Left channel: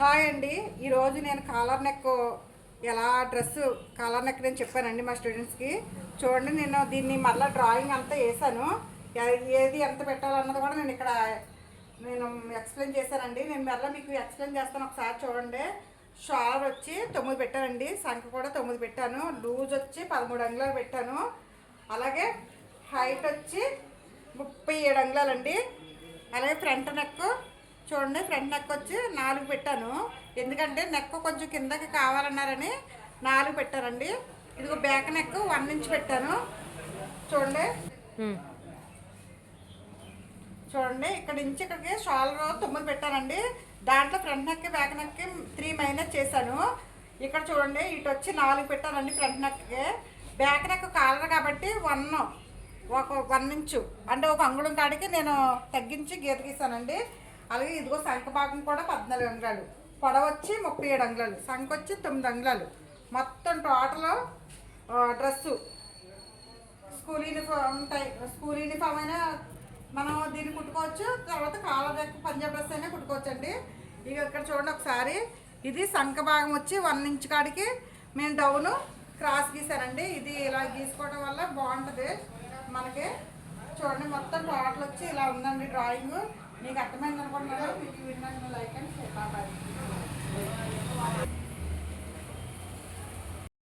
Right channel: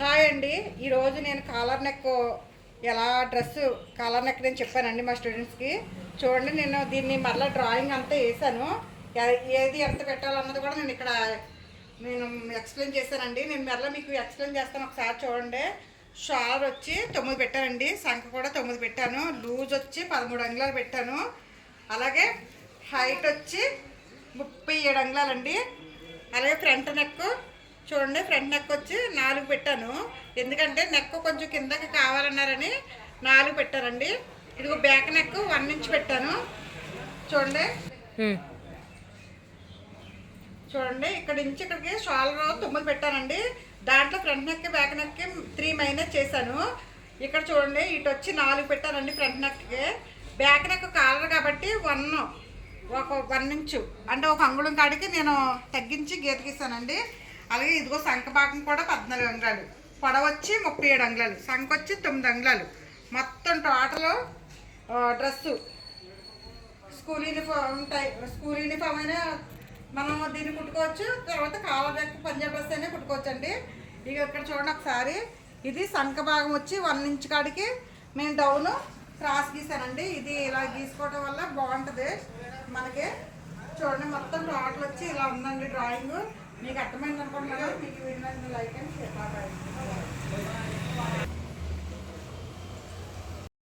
Hi అండి, ఈరోజు నేను కాలర్ నెక్ ఎలా డ్రెస్సు కాలర్ నెక్ నేను చెప్పానండి మా స్టూడెంట్స్కి. చూడండి, నేను దీన్ని మళ్ళీ డ్రాయింగ్ అంతా వేసాను. ఏది ఎంత పెట్టాలన్నది కూడా నేను ఎక్స్ప్లెయిన్ చేశానండి. నేను మళ్ళీ మీకు ఎక్స్ప్లెయిన్ చేస్తాను, ఒకసారి చూడండి. షాల్ వచ్చి 9 పెట్టానండి, సంఖ కూడా 9 పెట్టాను, లూజ్ వచ్చి 13 అంగుళాలు పెట్టాను. అలాగే హైట్ వచ్చి 37 అంగుళాలండి. అలాగే ఫ్రంట్ నెక్ చూడండి, ఫ్రంట్ నెక్ వచ్చి 4 పెట్టాను, ఎందుకంటే నెక్ కొంచెం కిందకి కావాలన్నారని 4 పెట్టానండి. ఇదిగో బ్యాక్ నెక్ 1 ఇంచ్ పెట్టాను. చూడండి చూడండి ఇక్కడ నుంచి ఇక్కడికి షాల్ 9 పెట్టానండి. దాంట్లో ఫ్రంట్ నెక్ బ్యాక్ నెక్కి 3 మైనస్ చేశాను. ఇక్కడ చూడండి, ఇటు వచ్చి 4 పెట్టానండి ఫ్రంట్ నెక్కి. బ్యాక్ నెక్ కాలర్ కాబట్టి 1 ఇంచు అంటే 1 అంగుళం కాడికి నేను తగ్గించి గీత గీసానండి. అలాగే ఇదిగో సంఖ భాగం కూడా 14 అంగుళాలు, పొడవ వచ్చి 37 అంగుళాలు, సంఖ వచ్చి 9 అంగుళాలు. మొత్తం టోటల్ డ్రెస్సు స్కూల్ యూనిఫామ్ అయినా మనం దీన్ని కుట్టుకోవచ్చు. తర్వాత కాలర్ నెక్ పంజాబ్ డ్రెస్ అయినా కుట్టుకోవచ్చు అండి. ఇక ఇక్కడ చూడండి ఒకసారి, ఇది సంఖ భాగం వచ్చి 1 ఇంచ్ కాడికి నేను డౌను క్రాస్ గీసానండి. ఇది ఇలా గీసుకోవడం వల్ల బాగుంటుంది మనకి. చూడండి, మొత్తం టోటల్ వచ్చి ఇలా ఉందండి డ్రాయింగ్. మీకు అర్థమైంది అనుకుంటున్నారా? మీకు విన్నాను, లైక్ అండ్ షేర్. బాయ్.